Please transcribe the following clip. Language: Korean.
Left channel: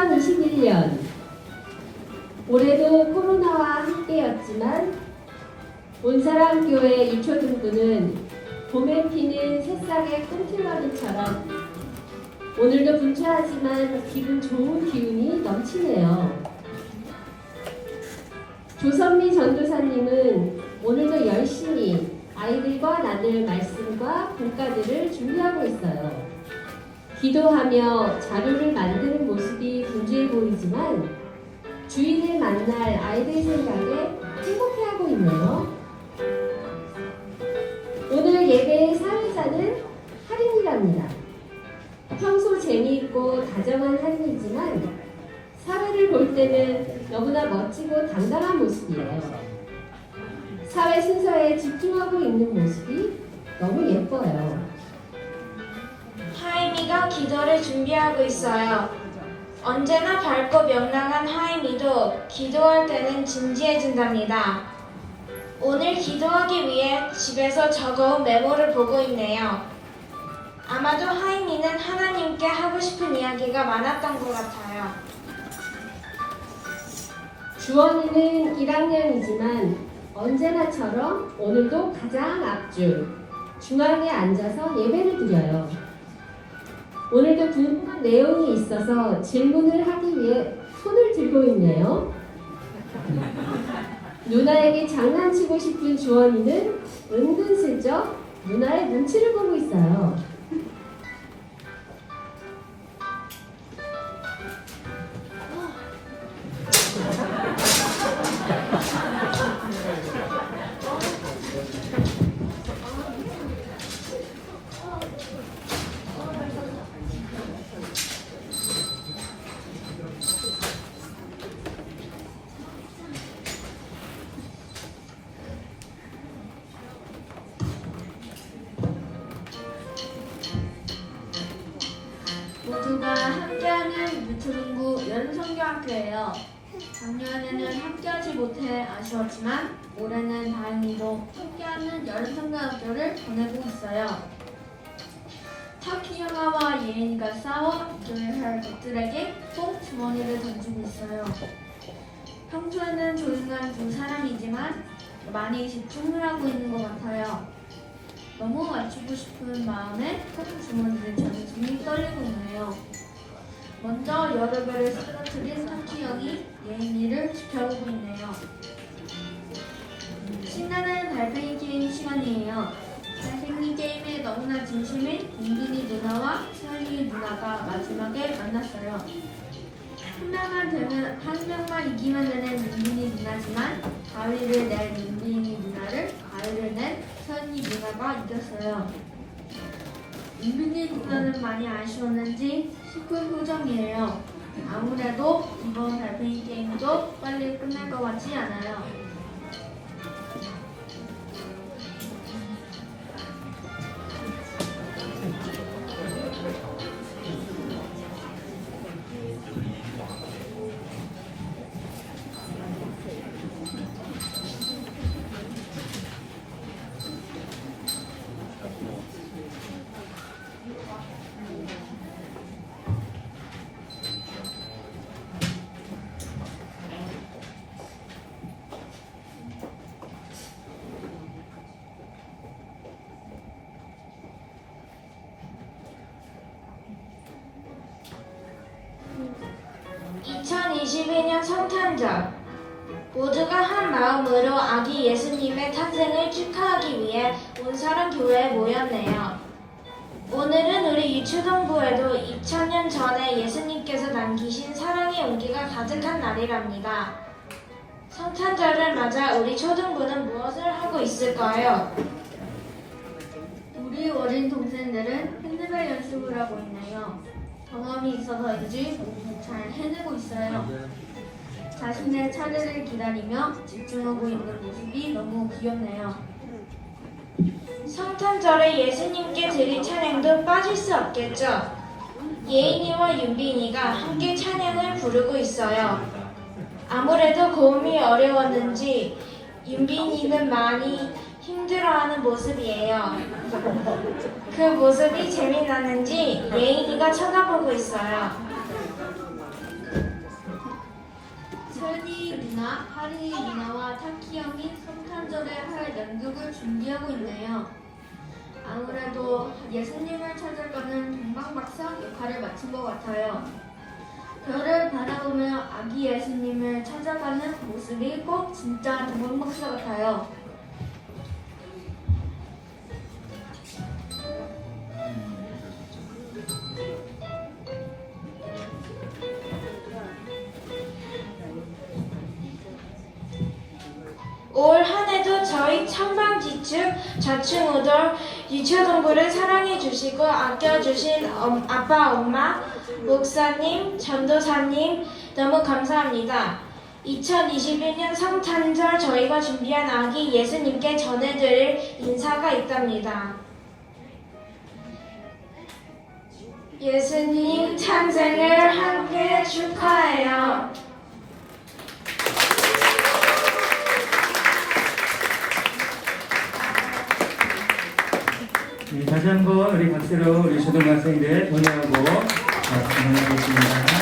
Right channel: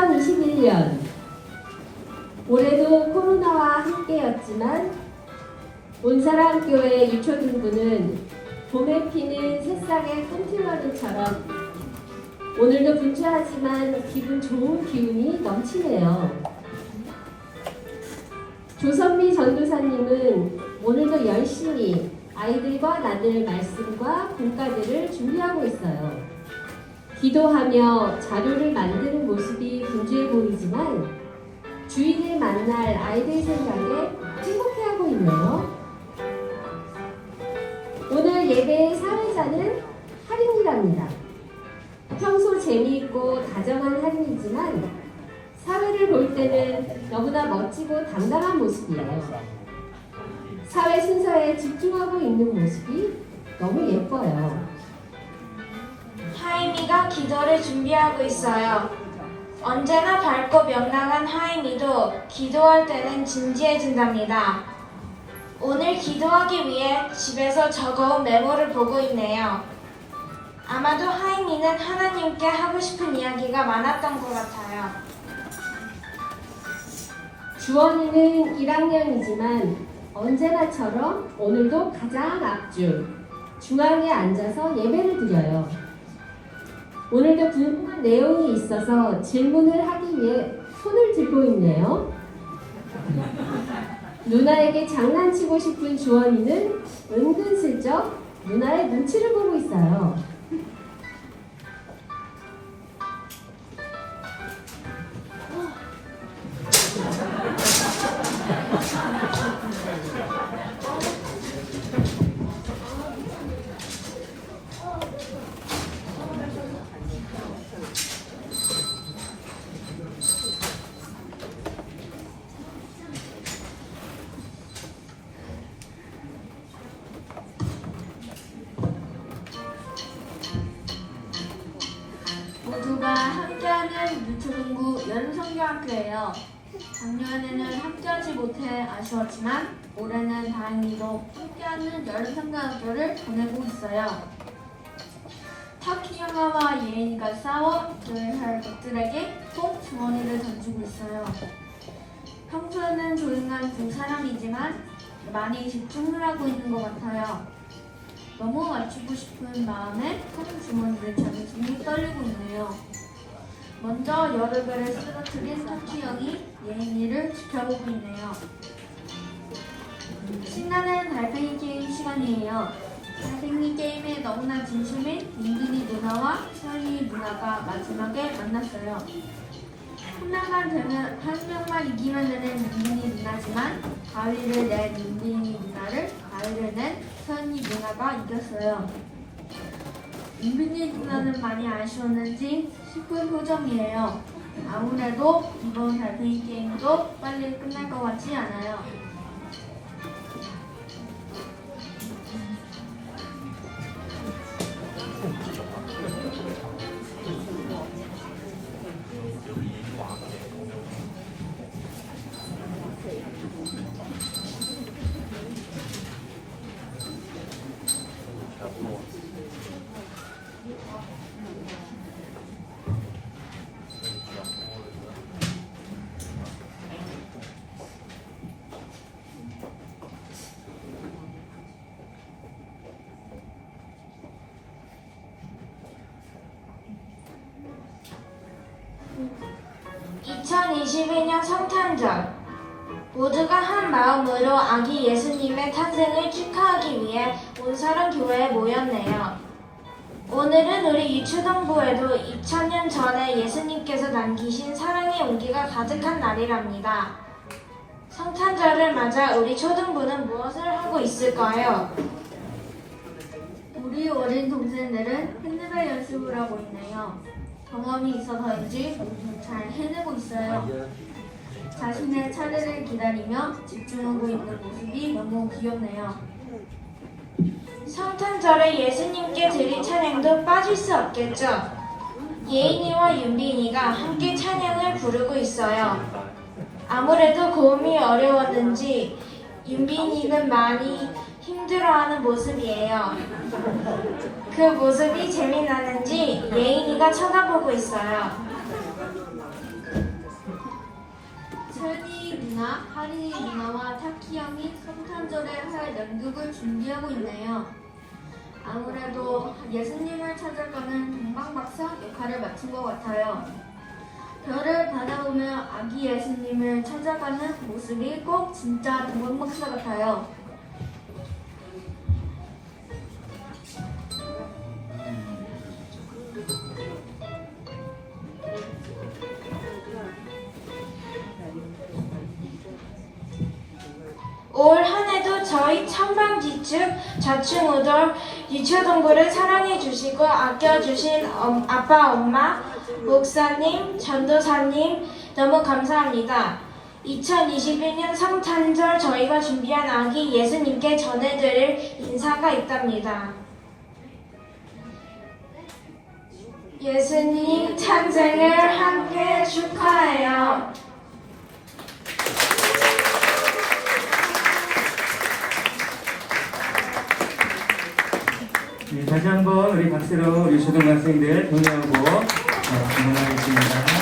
2021년 올해도 코로나와 함께였지만 온사랑교회 유초등부는 봄에 피는 새싹의 꿈틀머리처럼 오늘도 분주하지만 기분 좋은 기운이 넘치네요. 조선미 전도사님은 오늘도 열심히 아이들과 나눌 말씀과 공과들을 준비하고 있어요. 기도하며 자료를 만드는 모습이 분주해 보이지만 주인을 만날 아이들 생각에 행복해하고 있네요. 오늘 예배의 사회자는 할인이랍니다. 평소 재미있고 다정한 할인이지만 사회를 볼 때는 너무나 멋지고 당당한 모습이에요. 사회 순서에 집중하고 있는 모습이 너무 예뻐요. 기도를 준비하고 있어요. 언제나 밝고 명랑한 하임이도 기도할 때는 진지해진답니다. 오늘 기도하기 위해 집에서 적어온 메모를 보고 있네요. 아마도 하임이는 하나님께 하고 싶은 이야기가 많았던 것 같아요. 주원이는 1학년이지만 언제나처럼 오늘도 가장 앞줄 중앙에 앉아서 예배를 드려요. 오늘도 궁금한 내용이 있어서 질문을 하기 위해 손을 들고 있네요. 누나에게 장난치고 싶은 주원이는 은근슬쩍 누나의 눈치를 보고 있어요. 함께하는 미초동구 연성교학교예요. 작년에는 함께하지 못해 아쉬웠지만 올해는 다행히도 함께하는 연성교학교를 보내고 있어요. 터키 영화와 예인이가 싸워 교회할 것들에게 꼭 주머니를 던지고 있어요. 평소에는 조용한 두 사람이지만 많이 집중을 하고 있는 것 같아요. 너무 맞추고 싶은 마음에 주머니를 잡으니 떨리고 있네요. 먼저 개를 쓰러뜨린 토키 형이 예인이를 지켜보고 있네요. 신나는 달팽이 게임 시간이에요. 달팽이 게임에 너무나 진심인 민준이 누나와 찬이 누나가 마지막에 만났어요. 한 명만 되면 한 명만 이기면 되는 민준이 누나지만 가위를 낸 민준이 누나를 가위를 낸 찬이 누나가 이겼어요. 민준이 누나는 많이 아쉬웠는지 슬픈 표정이에요. 아무래도 이번 달팽이 게임도 빨리 끝날 것 같지 않아요. 2022년 성탄절 모두가 한 마음으로 아기 예수님의 탄생을 축하하기 위해 온사랑 교회에 모였네요. 오늘은 우리 유초동부에도 2000년 전에 예수님께서 남기신 사랑의 온기가 가득한 날이랍니다. 성탄절을 맞아 우리 초등부는 무엇을 하고 있을까요? 우리 어린 동생들은 핸드벨 연습을 하고 있네요. 경험이 있어서인지 잘 해내고 있어요. 자신의 차례를 기다리며 집중하고 있는 모습이 너무 귀엽네요. 성탄절에 예수님께 드릴 찬양도 빠질 수 없겠죠. 예인이와 윤빈이가 함께 찬양을 부르고 있어요. 아무래도 고음이 어려웠는지 윤빈이는 많이 힘들어하는 모습이에요. 그 모습이 재미나는지 예인이가 쳐다보고 있어요. 하리 누나, 하리 누나와 타키 형이 성탄절에 할 연극을 준비하고 있네요. 아무래도 예수님을 찾아가는 동방박사 역할을 마친 것 같아요. 별을 바라보며 아기 예수님을 찾아가는 모습이 꼭 진짜 동방박사 같아요. 올 한해도 저희 천방지축 자충우돌 유초동부를 사랑해 주시고 아껴 주신 엄- 아빠 엄마 목사님 전도사님 너무 감사합니다. 2021년 성탄절 저희가 준비한 아기 예수님께 전해드릴 인사가 있답니다. 예수님 탄생을 함께 축하해요. 다시 한번 우리 박수로 우리 초등학생들 동의하고 네, 감사하겠습니다.